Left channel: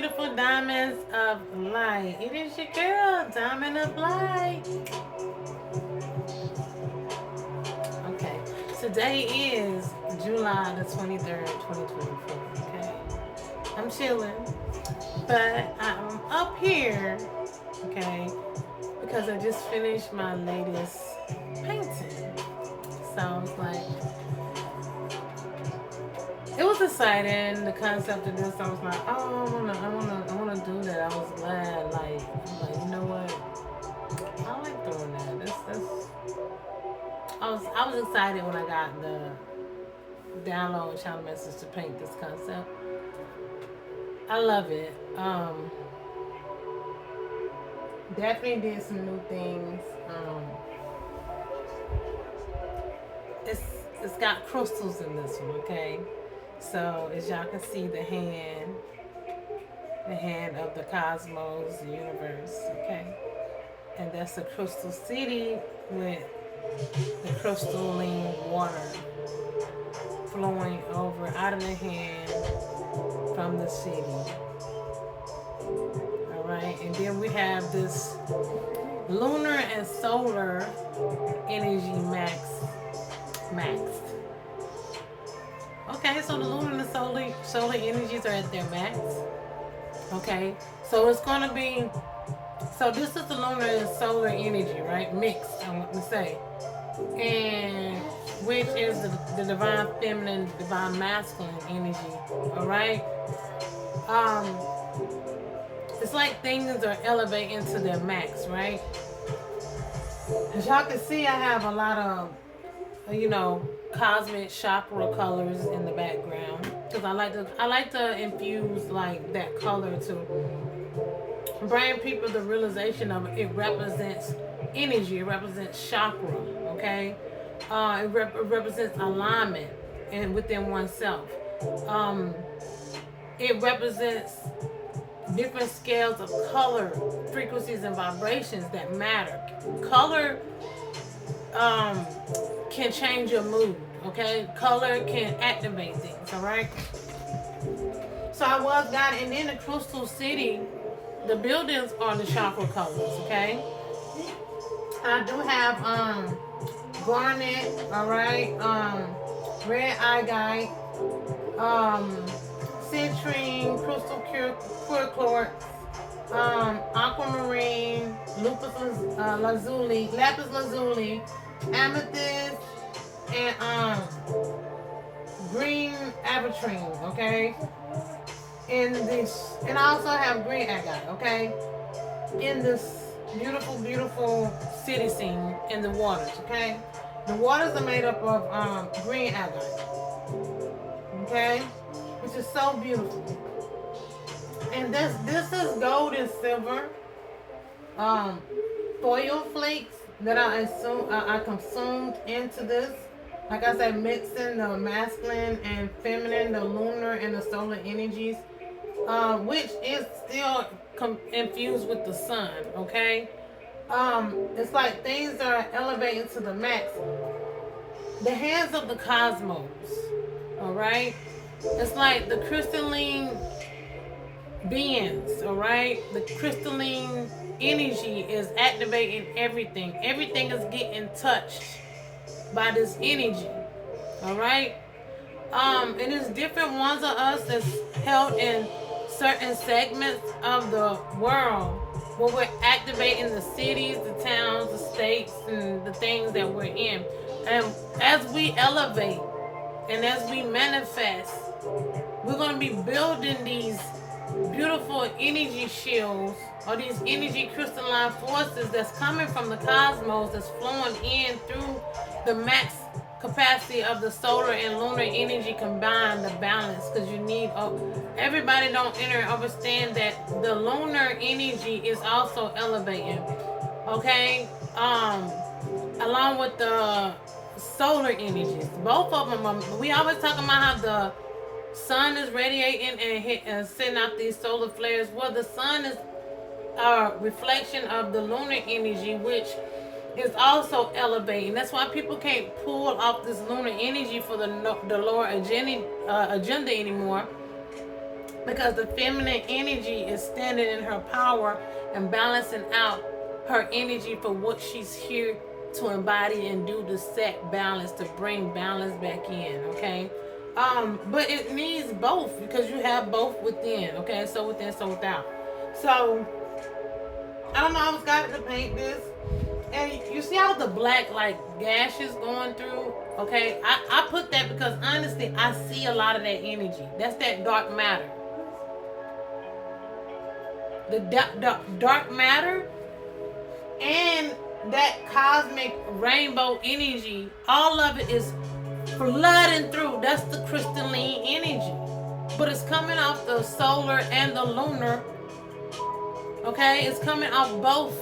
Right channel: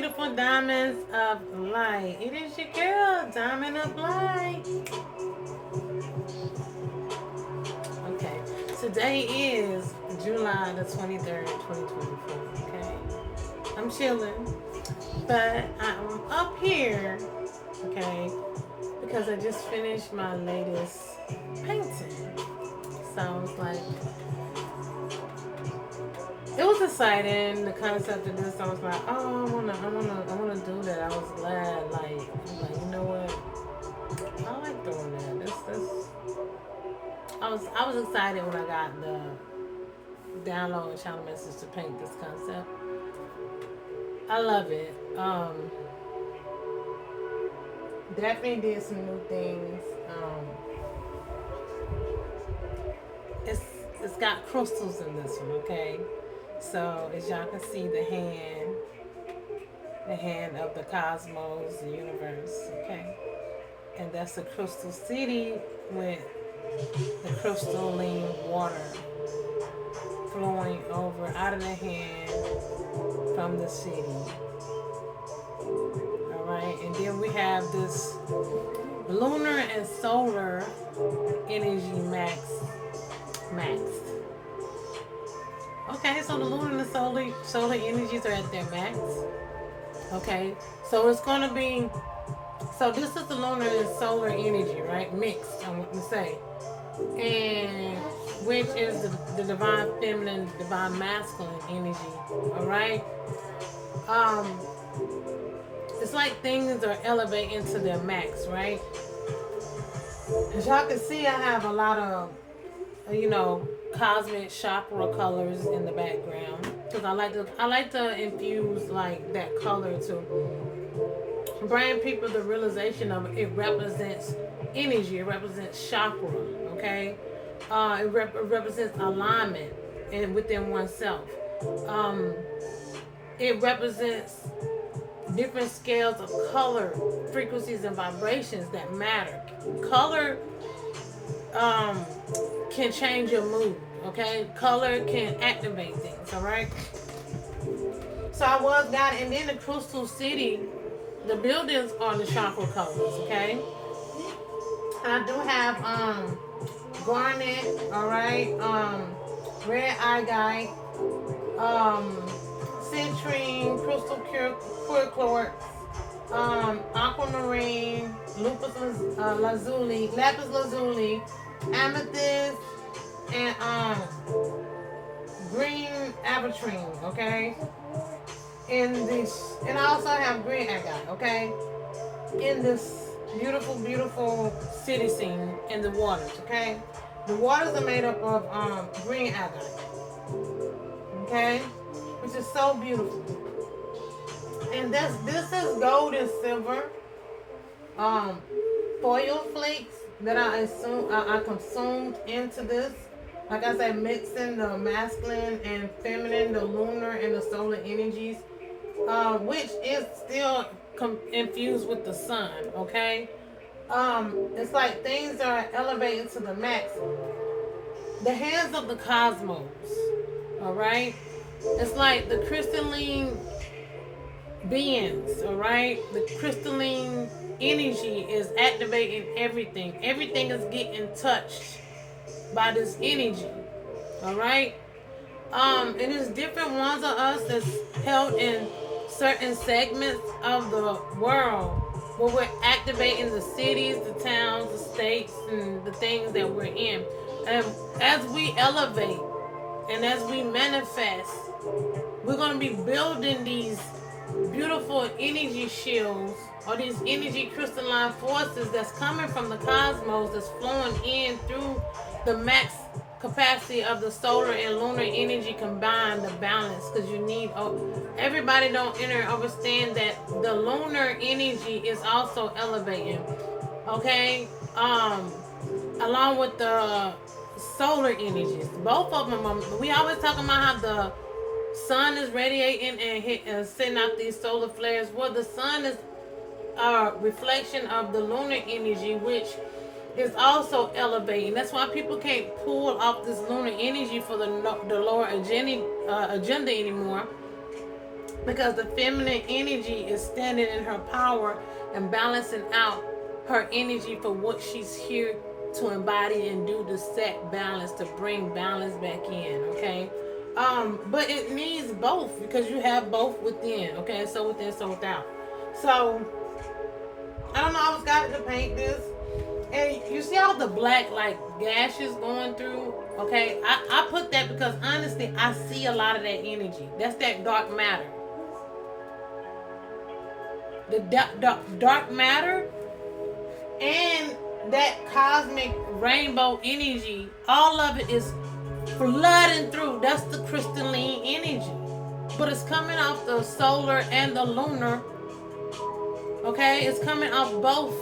beautiful diamonds of light. It is your girl, Diamond of Light. Okay, today is July the 23rd, 2024. Okay, I'm chilling, but I'm up here, okay, because I just finished my latest painting. So I was like, it was exciting. The concept of this, I was like, oh, I wanna do that. I was glad, like, you know what? I like doing that. That's. I was excited when I got the download and channel message to paint this concept. I love it. Definitely did some new things. It's it's got crystals in this one, okay? So as y'all can see, the hand of the cosmos, the universe, okay? And that's the crystal city with the crystalline water flowing over out of the hand from the city. All right, and then we have this lunar and solar energy maxed. Okay, so the lunar and the solar energies are at their max. Okay, so it's gonna be, so this is the lunar and solar energy, right? Mixed, I want to say, and which is the divine feminine, divine masculine energy. All right. Um, it's like things are elevating to their max, right? As y'all can see, I have a lot of, cosmic chakra colors in the background because I like to infuse like that color to bring people the realization of it represents energy, it represents chakra, okay? It represents alignment and within oneself. Um, it represents different scales of color, frequencies, and vibrations that matter. Color can change your mood, okay? Color can activate things, all right? So I was guided, and then the Crystal City, the buildings are the chakra colors, okay? I do have garnet, all right, red agate, citrine, crystal clear quartz, aquamarine, lapis lazuli, amethyst, and green aventurine, okay? And I also have green agate, okay? In this beautiful, beautiful city scene in the waters, okay? The waters are made up of green agate, okay? Which is so beautiful. And this is gold and silver foil flakes that I consumed into this. Like I said, mixing the masculine and feminine, the lunar and the solar energies, which is still infused with the sun. Okay, it's like things are elevating to the max. The hands of the cosmos. All right, it's like the crystalline beings, all right? The crystalline energy is activating everything. Everything is getting touched by this energy, all right? It is different ones of us that's held in certain segments of the world where we're activating the cities, the towns, the states, and the things that we're in. And as we elevate and as we manifest, we're going to be building these beautiful energy shields or these energy crystalline forces that's coming from the cosmos, that's flowing in through the max capacity of the solar and lunar energy combined to balance, because you need, everybody don't understand that the lunar energy is also elevating, okay, along with the solar energies. Both of them we always talking about how the sun is radiating and sending out these solar flares. Well, the sun is a reflection of the lunar energy, which is also elevating. That's why people can't pull off this lunar energy for the lower agenda anymore, because the feminine energy is standing in her power and balancing out her energy for what she's here to embody and do, to set balance, to bring balance back in. Okay, but it needs both, because you have both within. Okay, so within, so without. So I don't know, I was got to paint this. And you see all the black like gashes going through? Okay, I put that because honestly, I see a lot of that energy. That's that dark matter. The dark matter and that cosmic rainbow energy, all of it is flooding through. That's the crystalline energy. But it's coming off the solar and the lunar. Okay, it's coming off both.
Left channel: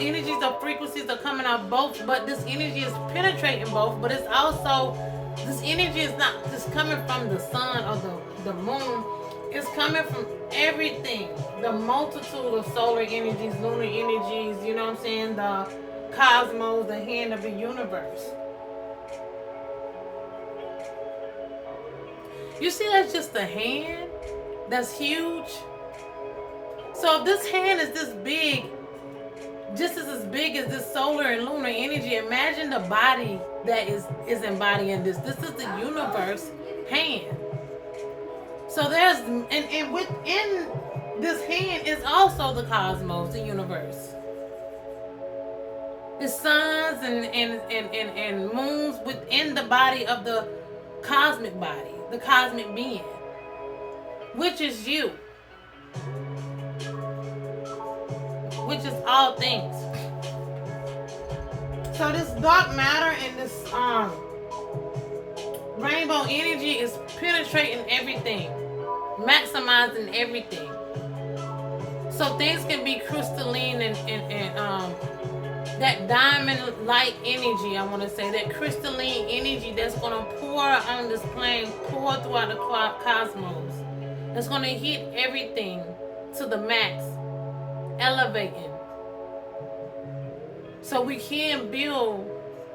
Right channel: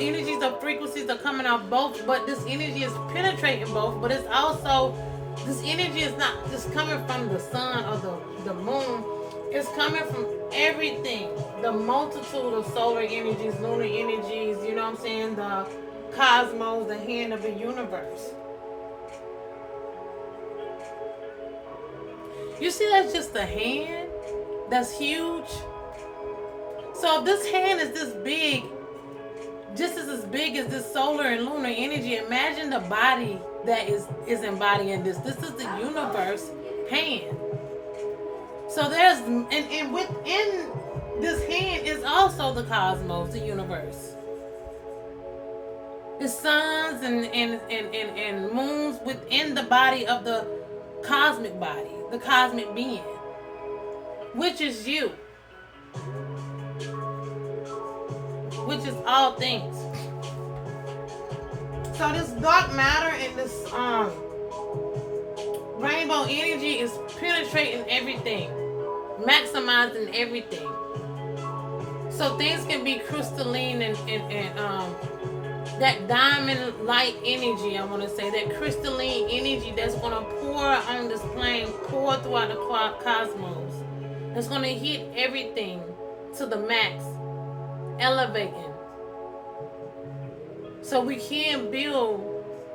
Energies of frequencies are coming out both, but this energy is penetrating both, but it's also, this energy is not just coming from the sun or the moon. It's coming from everything, the multitude of solar energies, lunar energies, you know what I'm saying, the cosmos, the hand of the universe. You see, that's just a hand that's huge. So if this hand is this big, just as big as this solar and lunar energy, imagine the body that is embodying this. This is the universe hand. So there's, and within this hand is also the cosmos, the universe. The suns and moons within the body of the cosmic body, the cosmic being, which is you. Which is all things. So this dark matter and this rainbow energy is penetrating everything, maximizing everything. So things can be crystalline and that diamond light energy, I want to say, that crystalline energy that's going to pour on this plane, pour throughout the cosmos. It's going to hit everything to the max, elevating, so we can build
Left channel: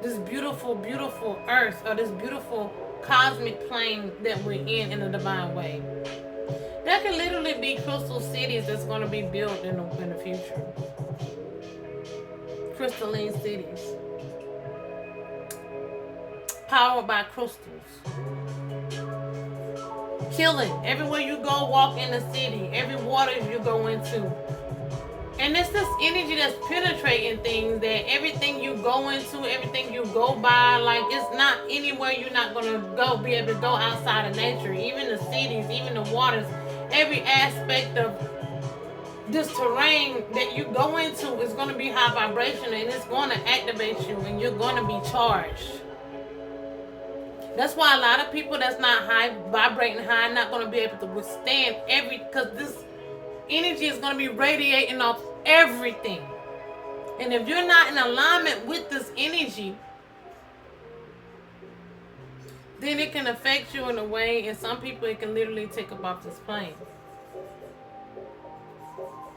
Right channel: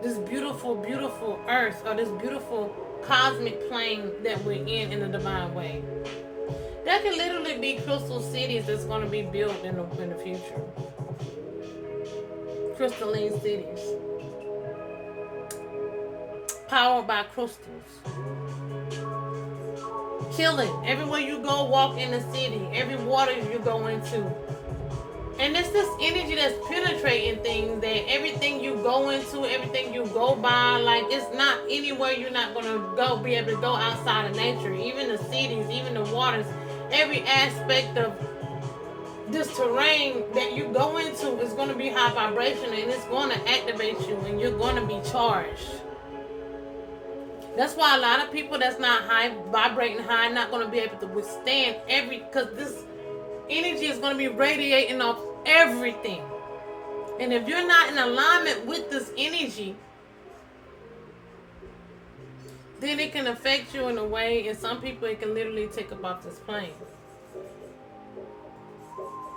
this beautiful, beautiful earth, or this beautiful cosmic plane that we're in a divine way. There can literally be crystal cities that's going to be built in the future. Crystalline cities, powered by crystals. Healing everywhere you go, walk in the city, every water you go into. And it's this energy that's penetrating things, that everything you go into, everything you go by, like it's not anywhere you're not going to be able to go outside of nature. Even the cities, even the waters, every aspect of this terrain that you go into is going to be high vibration, and it's going to activate you, and you're going to be charged. That's why a lot of people that's not high, vibrating high, not going to be able to withstand because this energy is going to be radiating off everything. And if you're not in alignment with this energy, then it can affect you in a way, and some people it can literally take up off this plane.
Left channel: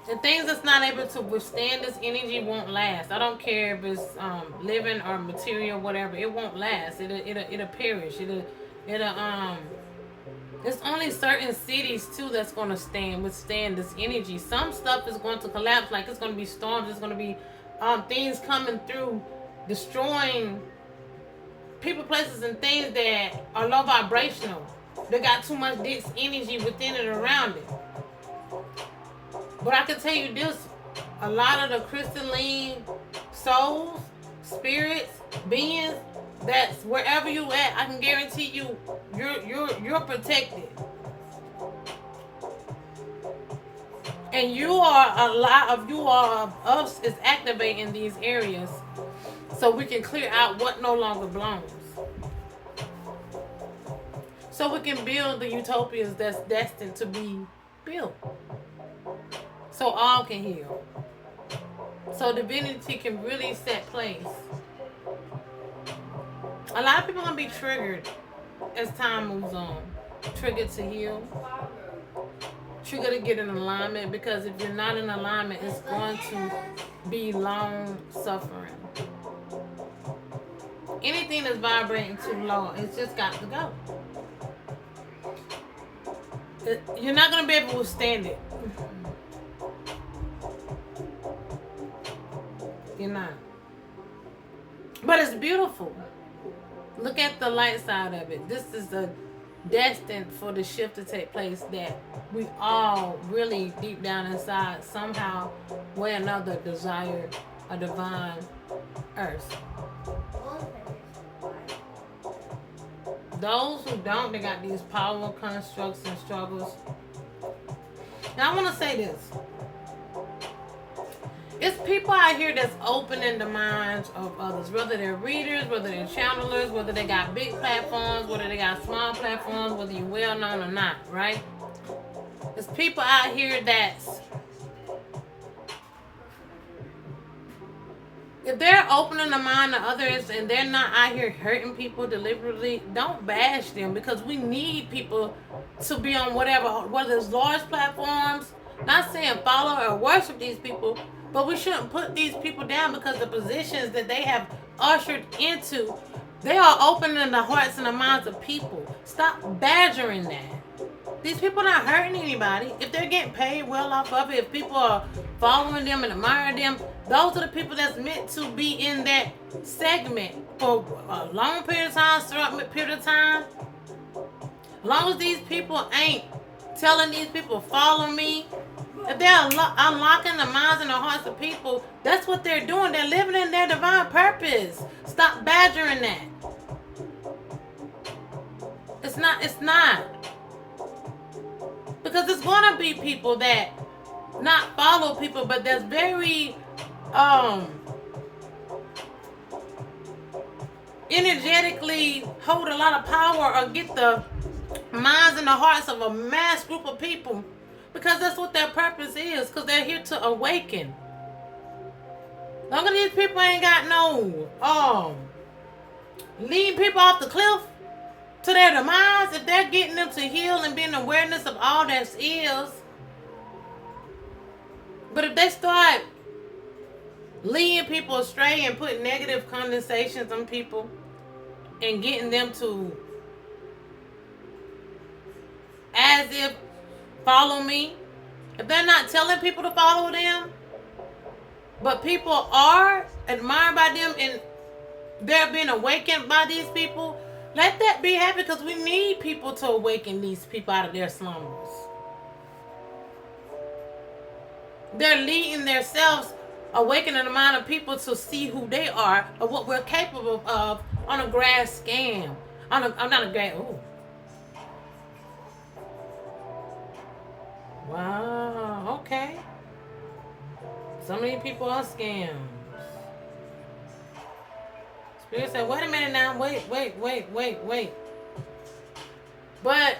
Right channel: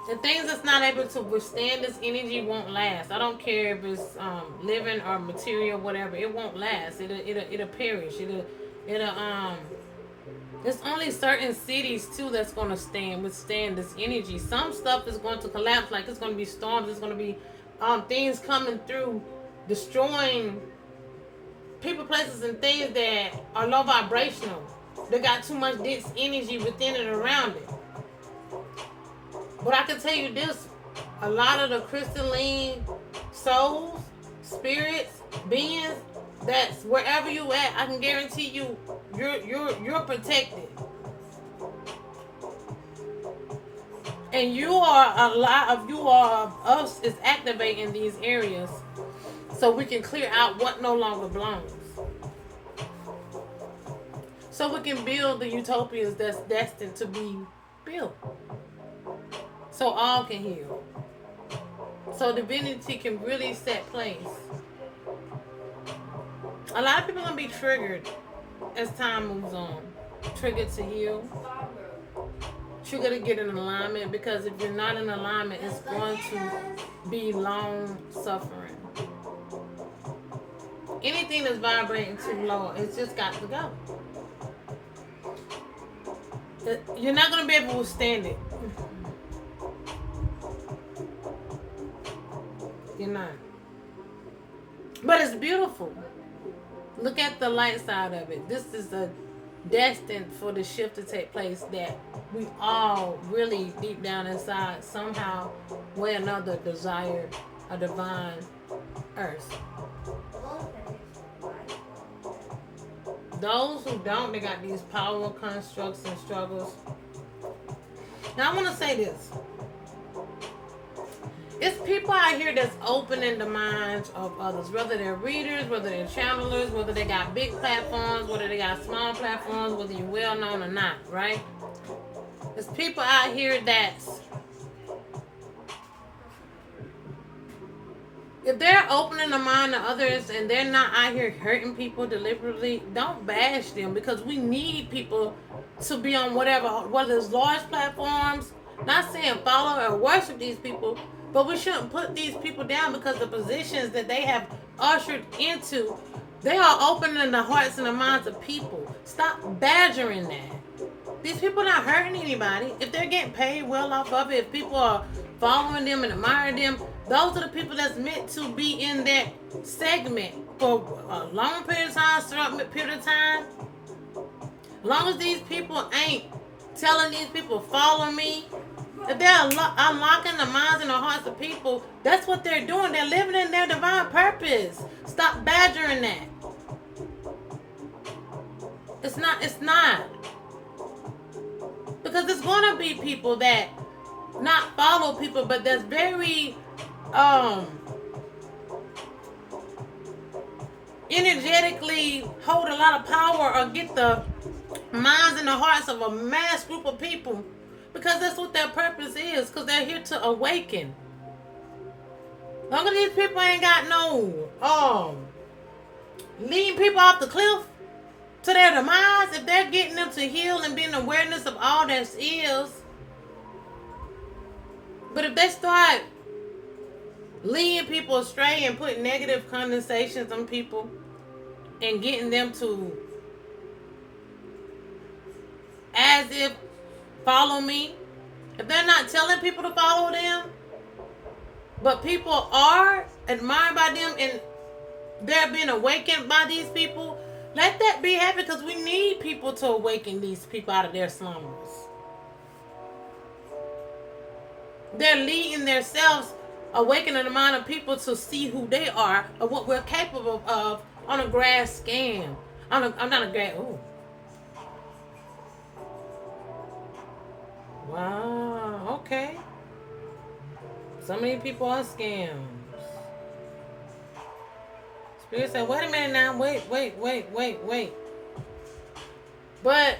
The things that's not able to withstand this energy won't last. I don't care if it's living or material, whatever. It won't last. It'll perish. There's only certain cities too that's going to withstand this energy. Some stuff is going to collapse, like it's going to be storms. It's going to be things coming through, destroying people, places, and things that are low vibrational. They got too much dense energy within and around it. But I can tell you this, a lot of the crystalline souls, spirits, beings, that's wherever you at, I can guarantee you, you're protected. And a lot of us is activating these areas so we can clear out what no longer belongs. So we can build the utopias that's destined to be built. So all can heal. So divinity can really set place. A lot of people are going to be triggered as time moves on. Triggered to heal. Triggered to get in alignment, because if you're not in alignment, it's going to be long suffering. Anything that's vibrating too low, it's just got to go. You're not going to be able to withstand it. You're not. But it's beautiful. Look at the light side of it. This is a destined for the shift to take place that we all really deep down inside somehow way or another desire a divine earth. Those who don't, they got these power constructs and struggles. Now I want to say this. It's people out here that's opening the minds of others, whether they're readers, whether they're channelers, whether they got big platforms, whether they got small platforms, whether you're well known or not, right? There's people out here that's, if they're opening the mind of others and they're not out here hurting people deliberately, don't bash them, because we need people to be on whatever, whether it's large platforms. Not saying follow or worship these people, but we shouldn't put these people down because the positions that they have ushered into, they are opening the hearts and the minds of people. Stop badgering that. These people are not hurting anybody. If they're getting paid well off of it, if people are following them and admiring them, those are the people that's meant to be in that segment for a long period of time, short period of time. As long as these people ain't telling these people, follow me, if they're unlocking the minds and the hearts of people, that's what they're doing. They're living in their divine purpose. Stop badgering that. It's not. Because it's going to be people that not follow people, but that's very energetically hold a lot of power or get the minds and the hearts of a mass group of people, because that's what their purpose is, because they're here to awaken. Long as these people ain't got no leading people off the cliff to their demise, if they're getting them to heal and be in awareness of all that is. But if they start leading people astray and putting negative connotations on people and getting them to, as if, follow me, if they're not telling people to follow them, but people are admired by them and they're being awakened by these people, let that be happy, because we need people to awaken these people out of their slumbers. They're leading themselves, awakening the mind of people to see who they are or what we're capable of on a grass scam. Wow, okay. So many people are scams. Spirit said, wait a minute now, wait. But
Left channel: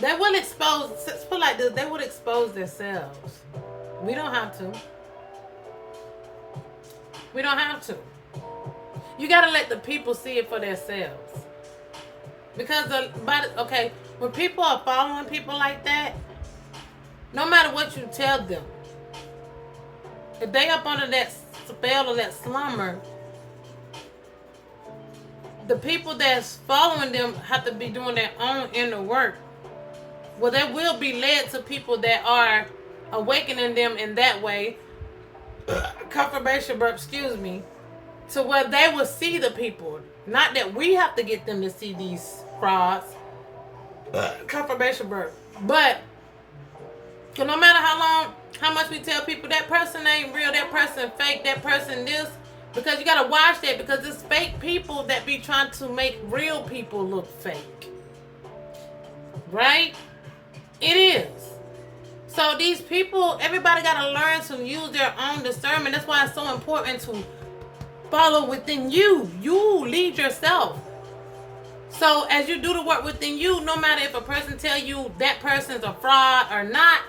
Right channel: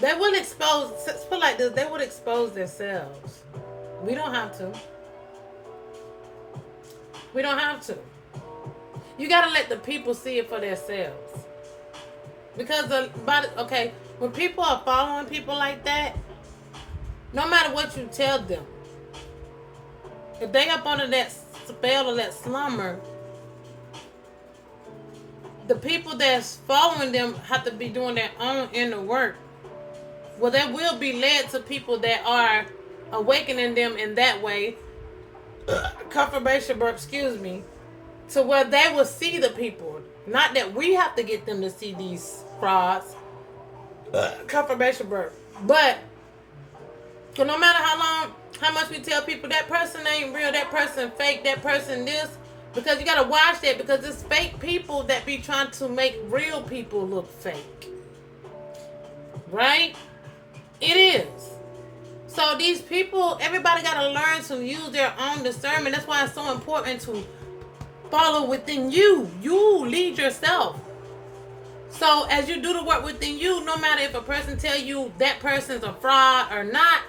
they will expose, put like this, they would expose themselves. We don't have to. You gotta let the people see it for themselves. Because when people are following people like that, no matter what you tell them, if they up under that spell or that slumber, the people that's following them have to be doing their own inner work. Well, they will be led to people that are awakening them in that way. Confirmation burp, excuse me. To where they will see the people. Not that we have to get them to see these frauds. Confirmation burp. But, cause no matter how much we tell people that person ain't real, that person fake, that person this, because you gotta watch that, because it's fake people that be trying to make real people look fake. Right? It is. So these people, everybody gotta learn to use their own discernment. That's why it's so important to follow within you. You lead yourself. So as you do the work within you, no matter if a person tell you that person's a fraud or not,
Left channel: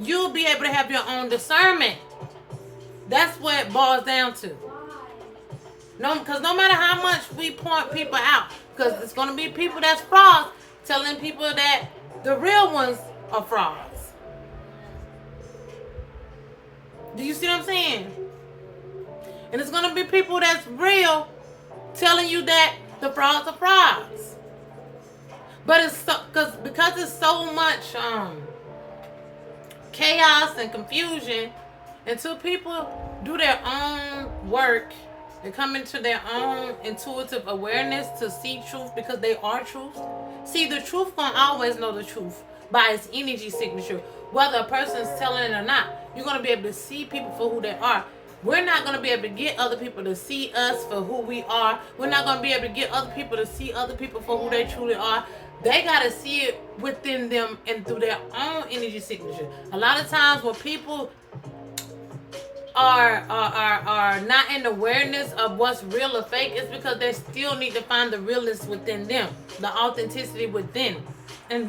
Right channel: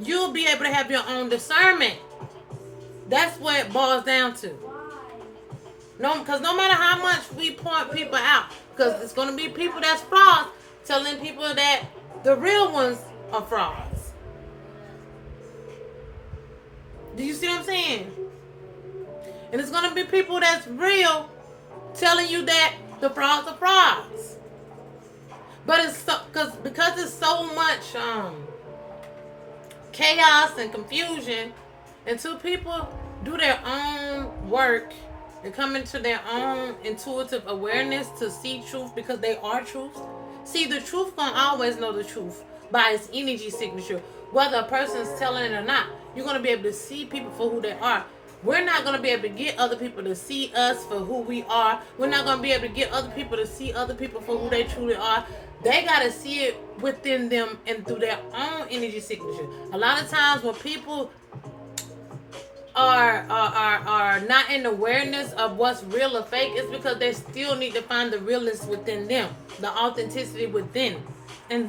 you'll be able to have your own discernment. That's what it boils down to. Because no matter how much we point people out, because it's going to be people that's frauds telling people that the real ones are frauds. Do you see what I'm saying? And it's going to be people that's real telling you that the frauds are frauds. But it's so because it's so much chaos and confusion until people do their own work. They come into their own intuitive awareness to see truth because they are truth. See, the truth gonna always know the truth by its energy signature, whether a person's telling it or not. You're gonna be able to see people for who they are. We're not gonna be able to get other people to see us for who we are. We're not gonna be able to get other people to see other people for who they truly are. They gotta see it within them and through their own energy signature. A lot of times when people are not in awareness of what's real or fake, it's because they still need to find the realness within them, the authenticity within, and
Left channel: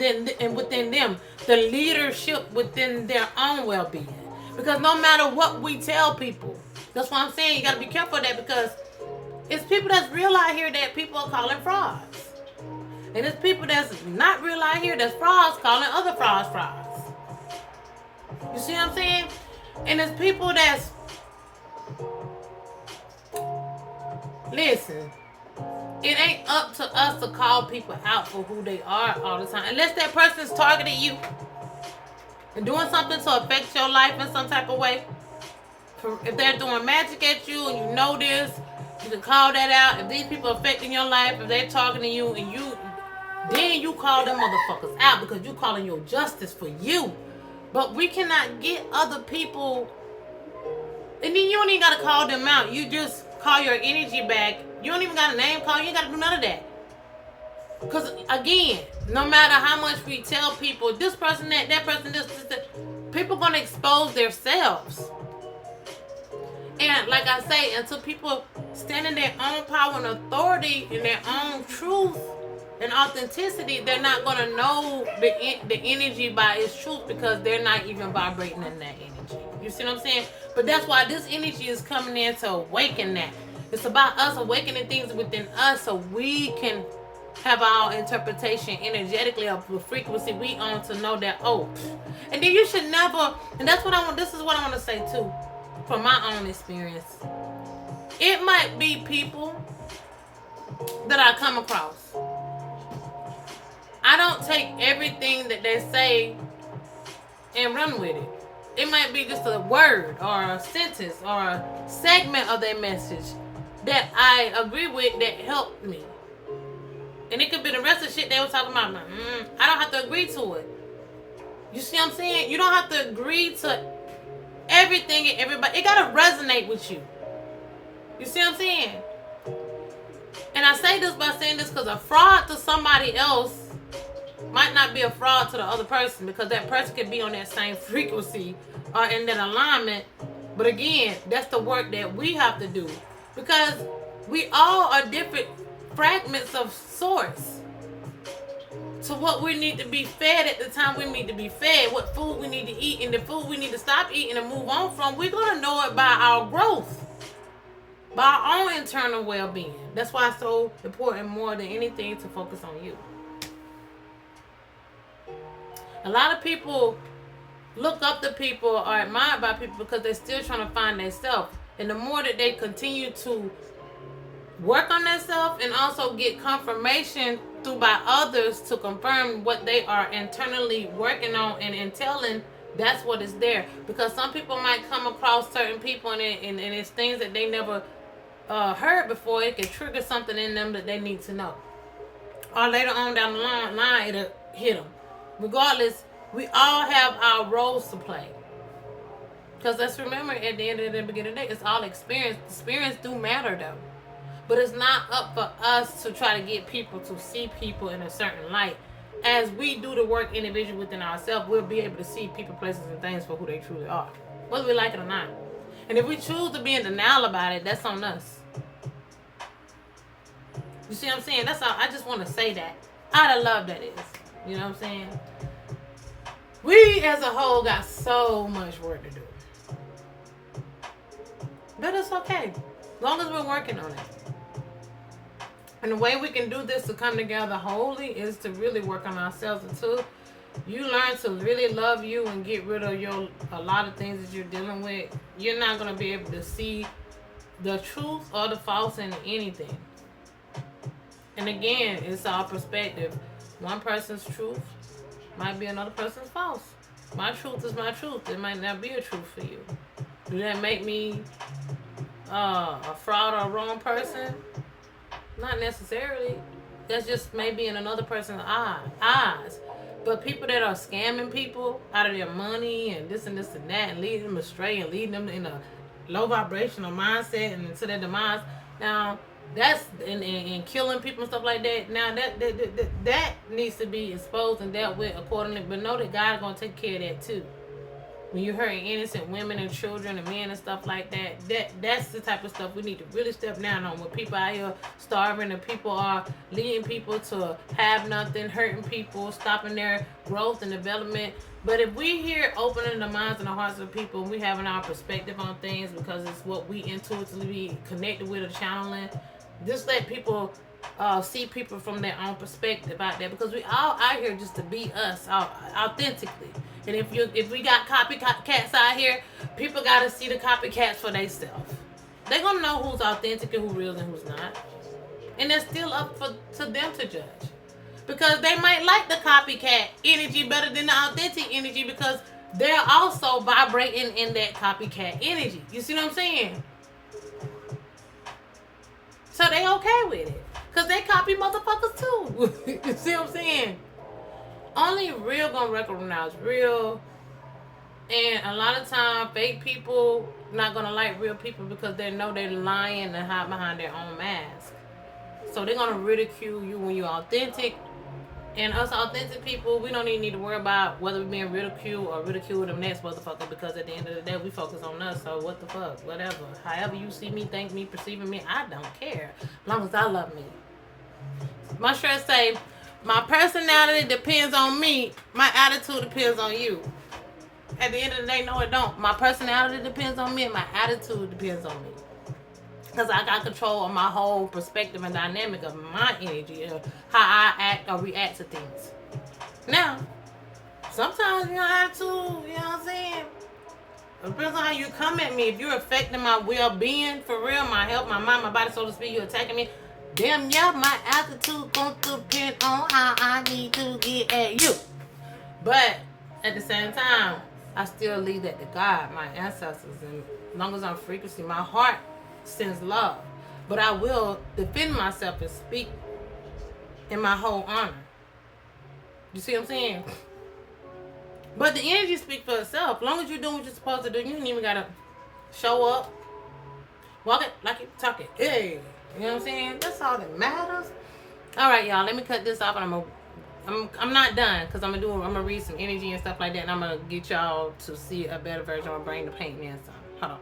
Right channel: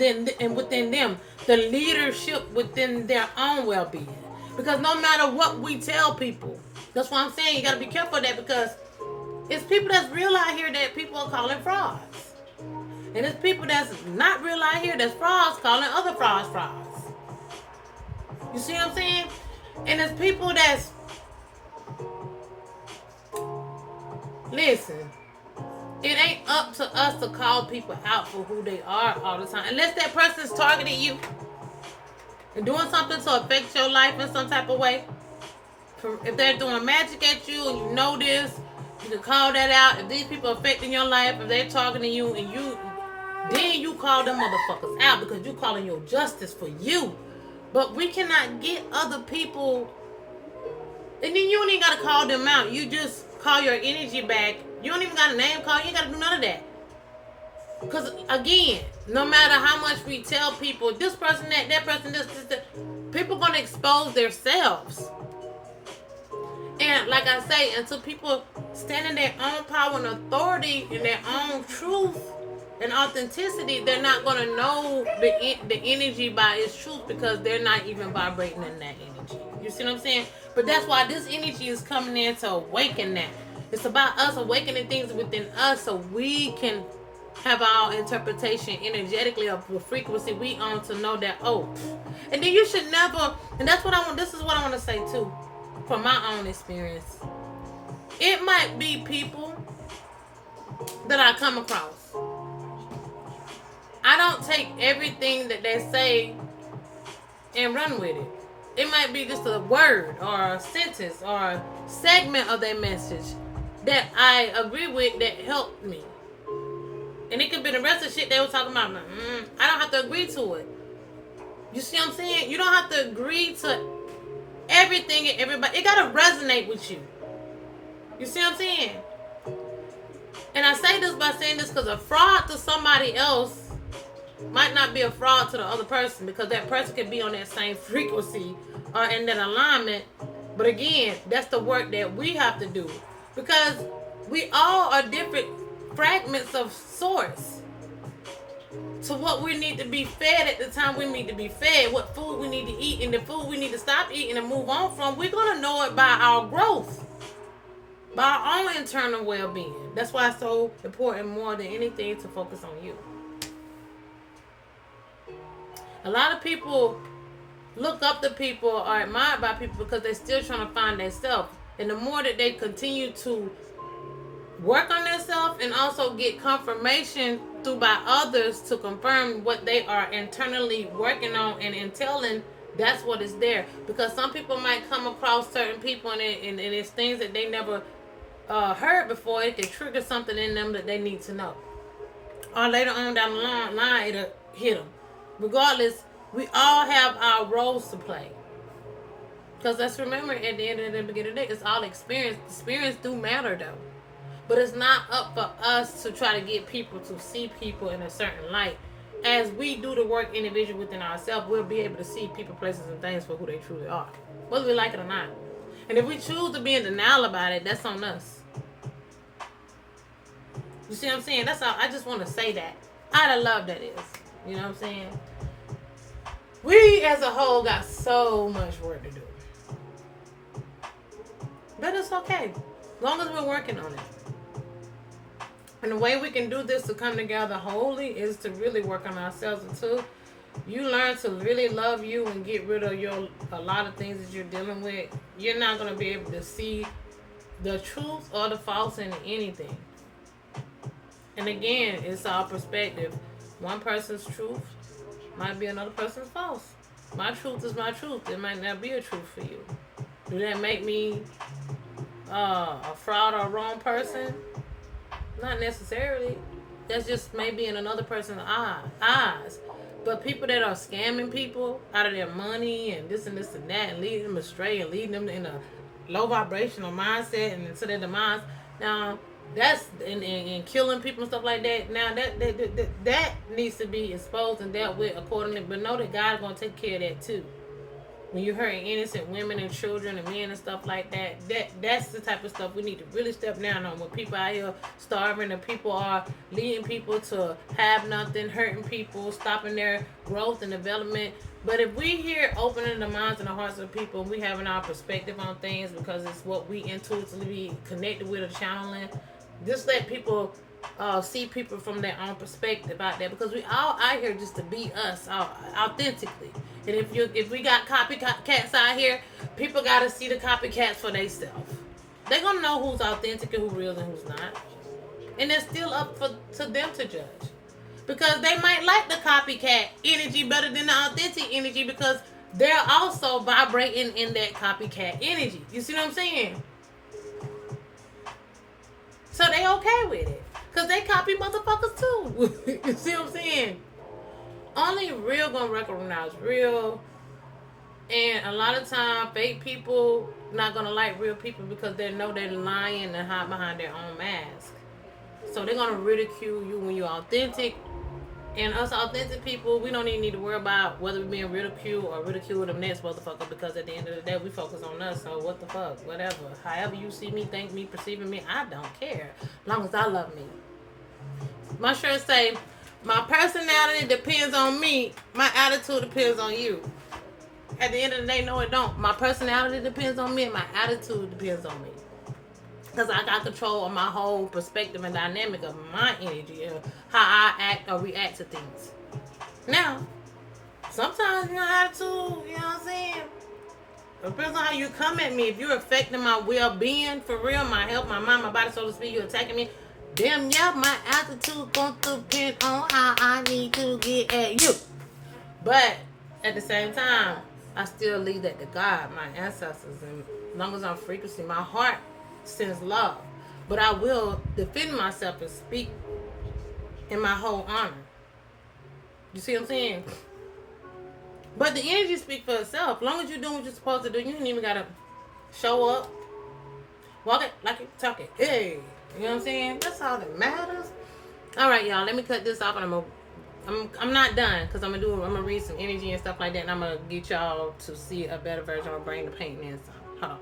within them, the leadership within their own well-being. Because no matter what we tell people, that's why I'm saying you gotta be careful of that, because it's people that's real out here that people are calling frauds. And it's people that's not real out here that's frauds calling other frauds frauds. You see what I'm saying? And it's people that's, listen, it ain't up to us to call people out for who they are all the time. Unless that person's targeting you and doing something to affect your life in some type of way. If they're doing magic at you and you know this, you can call that out. If these people are affecting your life, if they're targeting you and then you call them motherfuckers out because you calling your justice for you. But we cannot get other people, and then you don't even gotta call them out. You just call your energy back. You don't even got a name call. You ain't gotta do none of that. Because again, no matter how much we tell people, this person, that person, this, people gonna expose themselves. And like I say, until people stand in their own power and authority in their own truth and authenticity, they're not gonna know the energy by its truth because they're not even vibrating in that energy. You see what I'm saying? But that's why this energy is coming in to awaken that. It's about us awakening things within us so we can have our interpretation energetically of the frequency we on to know that, oh. And then you should never, and that's what I want, this is what I want to say too, from my own experience. It might be people that I come across. I don't take everything that they say and run with it. It might be just a word or a sentence or a segment of their message that I agree with that helped me. And it could be the rest of the shit they were talking about. I don't have to agree to it. You see what I'm saying? You don't have to agree to everything and everybody. It got to resonate with you. You see what I'm saying? And I say this by saying this because a fraud to somebody else might not be a fraud to the other person, because that person can be on that same frequency or in that alignment. But again, that's the work that we have to do, because we all are different fragments of source to what we need to be fed at the time we need to be fed, what food we need to eat, and the food we need to stop eating and move on from. We're going to know it by our growth, by our own internal well-being. That's why it's so important, more than anything, to focus on you. A lot of people look up to people or are admired by people because they're still trying to find themselves. And the more that they continue to work on themselves and also get confirmation through by others to confirm what they are internally working on and entailing, that's what is there. Because some people might come across certain people and it's things that they never heard before. It can trigger something in them that they need to know. Or later on down the line, it'll hit them. Regardless, we all have our roles to play. Because let's remember, at the end of the beginning of the day, it's all experience. Experience do matter though. But it's not up for us to try to get people to see people in a certain light. As we do the work individually within ourselves, we'll be able to see people, places, and things for who they truly are, whether we like it or not. And if we choose to be in denial about it, that's on us. You see what I'm saying? That's all. I just want to say that. Out of love, that is. You know what I'm saying? We as a whole got so much work to do. But it's okay. As long as we're working on it. And the way we can do this to come together wholly is to really work on ourselves until you learn to really love you and get rid of a lot of things that you're dealing with. You're not going to be able to see the truth or the false in anything. And again, it's our perspective. One person's truth might be another person's false. My truth is my truth. It might not be a truth for you. Do that make me a fraud or a wrong person? Not necessarily. That's just maybe in another person's eyes. But people that are scamming people out of their money and this and that and leading them astray and leading them in a low vibrational mindset and into their demise. Now that's in killing people and stuff like that. Now that needs to be exposed and dealt with accordingly. But know that God's gonna take care of that too. When you're hurting innocent women and children and men and stuff like that's the type of stuff we need to really step down on. When people out here starving and people are leading people to have nothing, hurting people, stopping their growth and development. But if we here opening the minds and the hearts of people, we having our perspective on things because it's what we intuitively connected with or channeling, just let people see people from their own perspective out there, because we all out here just to be us authentically. And if we got copycats out here, people got to see the copycats for themselves. They're gonna know who's authentic and who's real and who's not, and it's still up to them to judge, because they might like the copycat energy better than the authentic energy because they're also vibrating in that copycat energy. You see what I'm saying? So they okay with it. Because they copy motherfuckers too. You see what I'm saying? Only real gonna recognize real. And a lot of time, fake people not gonna like real people because they know they're lying and hide behind their own mask. So they're gonna ridicule you when you're authentic. And us authentic people, we don't even need to worry about whether we're being ridiculed or ridicule them next motherfucker, because at the end of the day, we focus on us. So what the fuck? Whatever. However you see me, think me, perceiving me, I don't care. As long as I love me. My shirt say, my personality depends on me. My attitude depends on you. At the end of the day, no it don't. My personality depends on me and my attitude depends on me. Because I got control of my whole perspective and dynamic of my energy and how I act or react to things. Now, sometimes your attitude, you know what I'm saying? It depends on how you come at me. If you're affecting my well-being, for real, my health, my mind, my body, so to speak, you're attacking me, damn, yeah, my attitude gonna depend on how I need to get at you. But at the same time, I still leave that to God, my ancestors, and as long as I'm frequency, my heart sends love. But I will defend myself and speak in my whole honor. You see what I'm saying? But the energy speaks for itself. As long as you're doing what you're supposed to do, you don't even gotta show up, walk it like you're talking. Hey, you know what I'm saying? That's all that matters. All right, y'all. Let me cut this off, and I'm not done, because I'm gonna read some energy and stuff like that, and I'm gonna get y'all to see a better version of brain to paint and some. Hold on.